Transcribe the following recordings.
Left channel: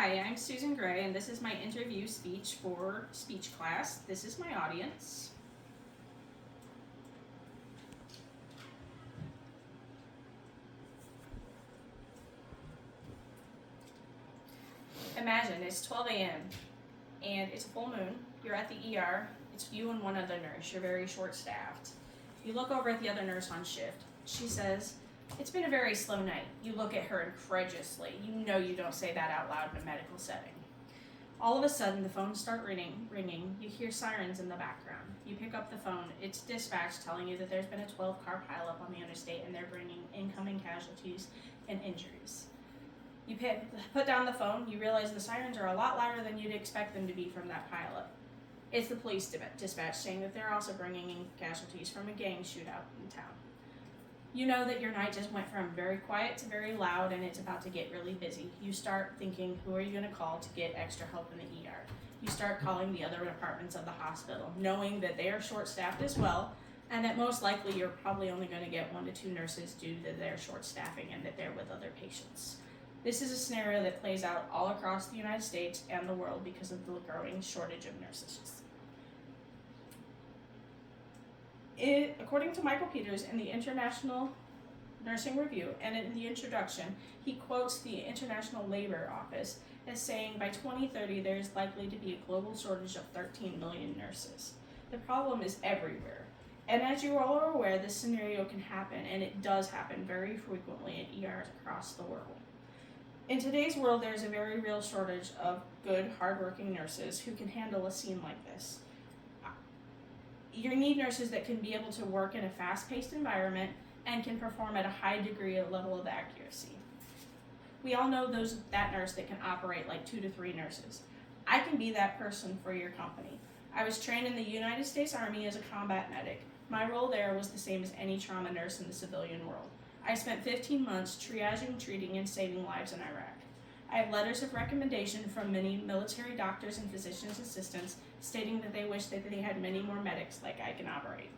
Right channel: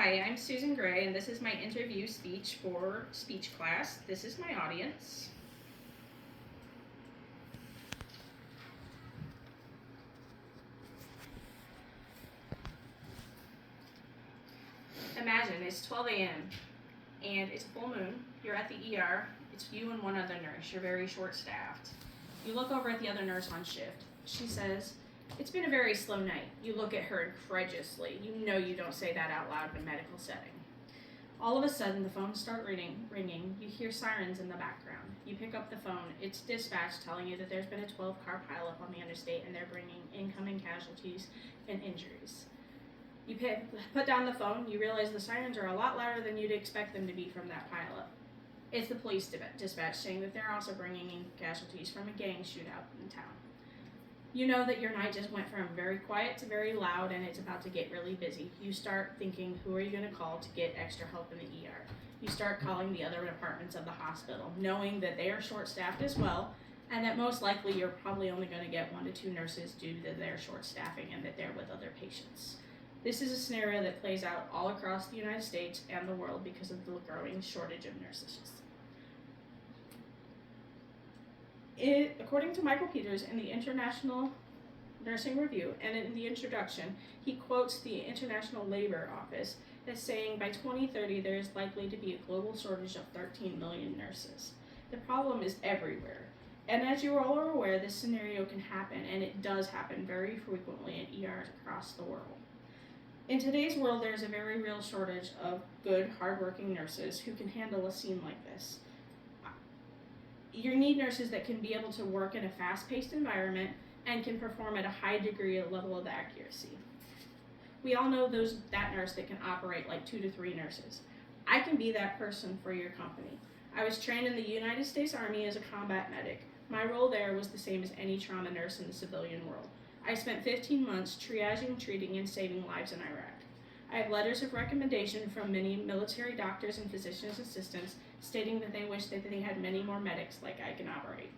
Hi, I'm Susan Gray, and this is my interview speech for speech class. This is my audience. Imagine it's 12 a.m. and it's a full moon. You're at the ER. It's you and one other nurse. You're very short staffed. You look over at the other nurse on shift. She says, "It's been a very slow night." You look at her incredulously. You know you don't say that out loud in a medical setting. All of a sudden, the phones start ringing. You hear sirens in the background. You pick up the phone. It's dispatch telling you that there's been a 12-car pileup on the interstate and they're bringing incoming casualties and injuries. You put down the phone. You realize the sirens are a lot louder than you'd expect them to be from that pileup. It's the police dispatch saying that they're also bringing in casualties from a gang shootout in town. You know that your night just went from very quiet to very loud and it's about to get really busy. You start thinking, who are you going to call to get extra help in the ER? You start calling the other departments of the hospital, knowing that they are short-staffed as well, and that most likely you're probably only going to get 1 to 2 nurses due to their short staffing and that they're with other patients. This is a scenario that plays out all across the United States and the world because of the growing shortage of nurses. According to Michael Peters in the International Nursing Review and in the introduction, he quotes the International Labor Office as saying by 2030 there is likely to be a global shortage of 13 million nurses. The problem is everywhere. And as you all are aware, this scenario can happen, and it does happen very frequently in ERs across the world. In today's world, there is a very real shortage of good, hardworking nurses who can handle a scene like this. You need nurses that can be able to work in a fast-paced environment and can perform at a high degree of level of accuracy. We all know that nurse that can operate like 2 to 3 nurses. I can be that person for your company. I was trained in the United States Army as a combat medic. My role there was the same as any trauma nurse in the civilian world. I spent 15 months triaging, treating, and saving lives in Iraq. I have letters of recommendation from many military doctors and physician's assistants stating that they wish that they had many more medics like I can operate.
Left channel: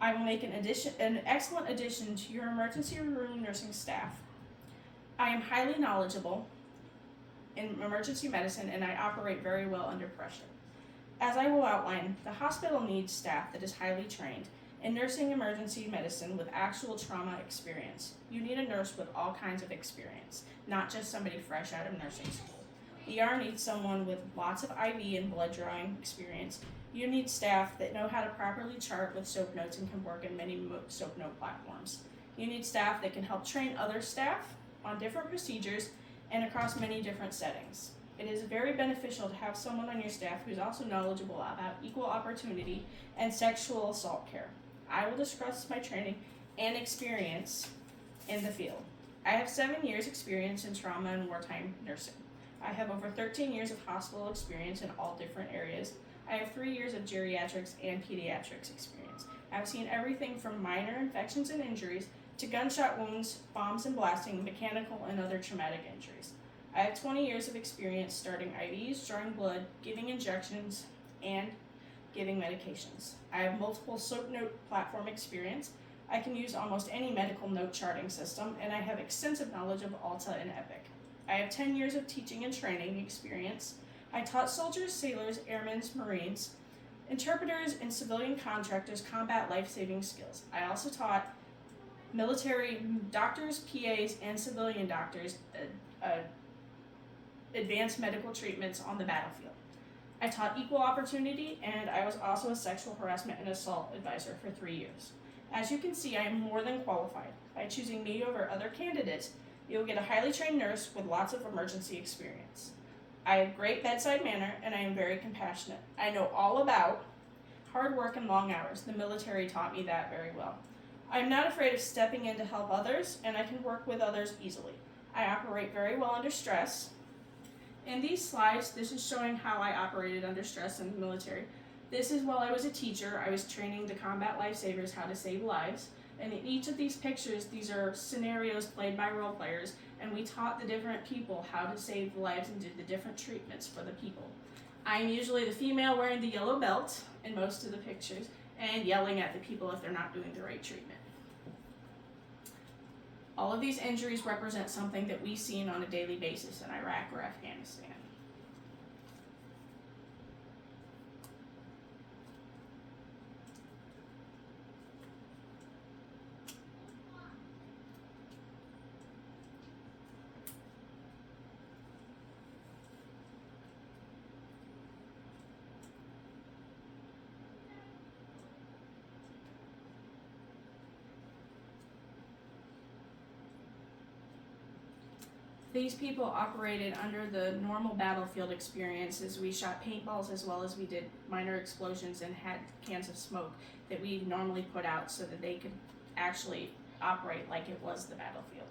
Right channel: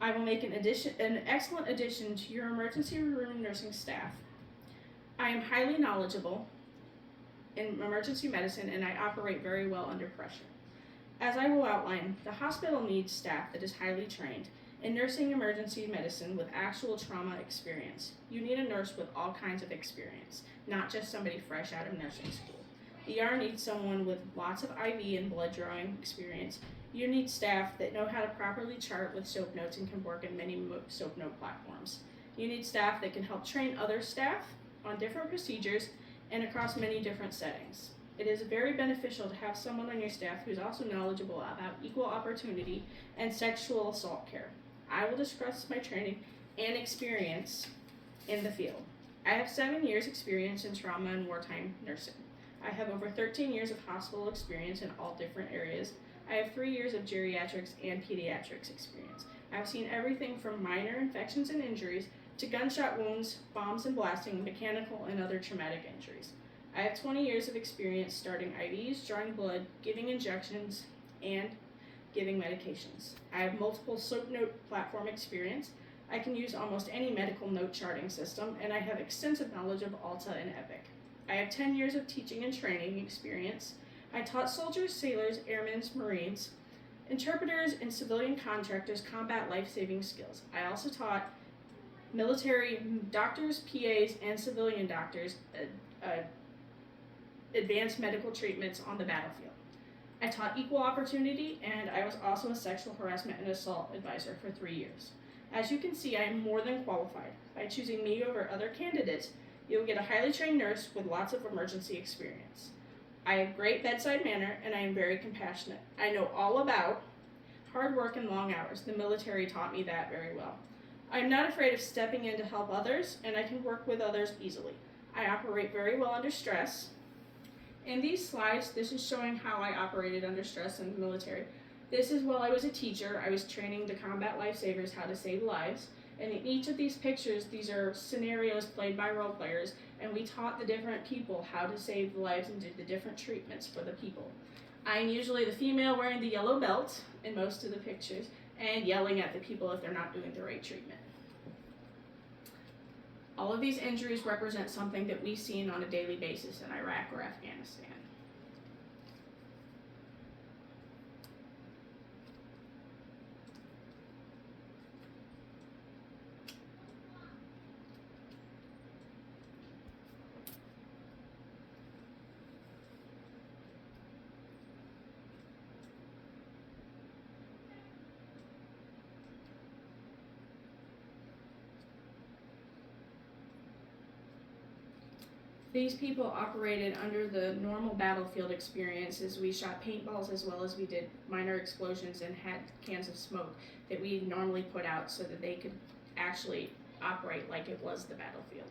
I will make an excellent addition to your emergency room nursing staff. I am highly knowledgeable in emergency medicine and I operate very well under pressure. As I will outline, the hospital needs staff that is highly trained in nursing emergency medicine with actual trauma experience. You need a nurse with all kinds of experience, not just somebody fresh out of nursing school. The ER needs someone with lots of IV and blood drawing experience. You need staff that know how to properly chart with SOAP notes and can work in many SOAP note platforms. You need staff that can help train other staff on different procedures and across many different settings. It is very beneficial to have someone on your staff who is also knowledgeable about equal opportunity and sexual assault care. I will discuss my training and experience in the field. I have 7 years experience in trauma and wartime nursing. I have over 13 years of hospital experience in all different areas. I have 3 years of geriatrics and pediatrics experience. I've seen everything from minor infections and injuries to gunshot wounds, bombs and blasting, mechanical and other traumatic injuries. I have 20 years of experience starting IVs, drawing blood, giving injections, and giving medications. I have multiple SOAP note platform experience. I can use almost any medical note charting system, and I have extensive knowledge of Alta and Epic. I have 10 years of teaching and training experience. I taught soldiers, sailors, airmen, Marines, interpreters, and civilian contractors combat life-saving skills. I also taught military doctors, PAs, and civilian doctors advanced medical treatments on the battlefield. I taught equal opportunity, and I was also a sexual harassment and assault advisor for 3 years. As you can see, I am more than qualified. By choosing me over other candidates, you will get a highly trained nurse with lots of emergency experience. I have great bedside manner, and I am very compassionate. I know all about hard work and long hours. The military taught me that very well. I am not afraid of stepping in to help others, and I can work with others easily. I operate very well under stress. In these slides, this is showing how I operated under stress in the military. This is while I was a teacher. I was training the combat lifesavers how to save lives. And in each of these pictures, these are scenarios played by role players, and we taught the different people how to save lives and did the different treatments for the people. I'm usually the female wearing the yellow belt in most of the pictures and yelling at the people if they're not doing the right treatment. All of these injuries represent something that we've seen on a daily basis in Iraq or Afghanistan. These people operated under the normal battlefield experiences. We shot paintballs as well as we did minor explosions and had cans of smoke that we normally put out so that they could actually operate like it was the battlefield.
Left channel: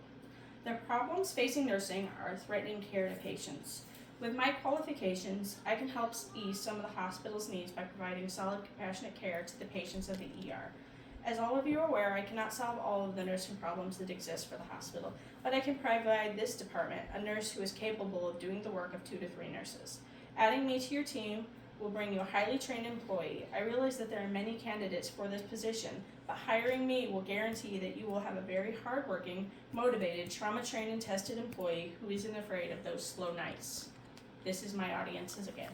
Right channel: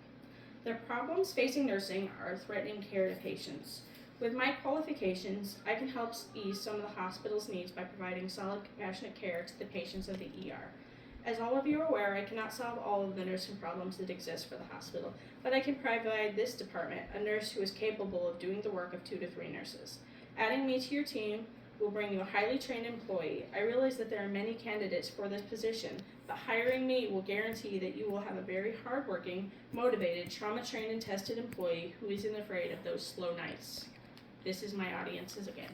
The problems facing nursing are threatening care to patients. With my qualifications, I can help ease some of the hospital's needs by providing solid, compassionate care to the patients of the ER. As all of you are aware, I cannot solve all of the nursing problems that exist for the hospital, but I can provide this department a nurse who is capable of doing the work of 2 to 3 nurses. Adding me to your team will bring you a highly trained employee. I realize that there are many candidates for this position, but hiring me will guarantee that you will have a very hardworking, motivated, trauma-trained and tested employee who isn't afraid of those slow nights. This is my audiences again.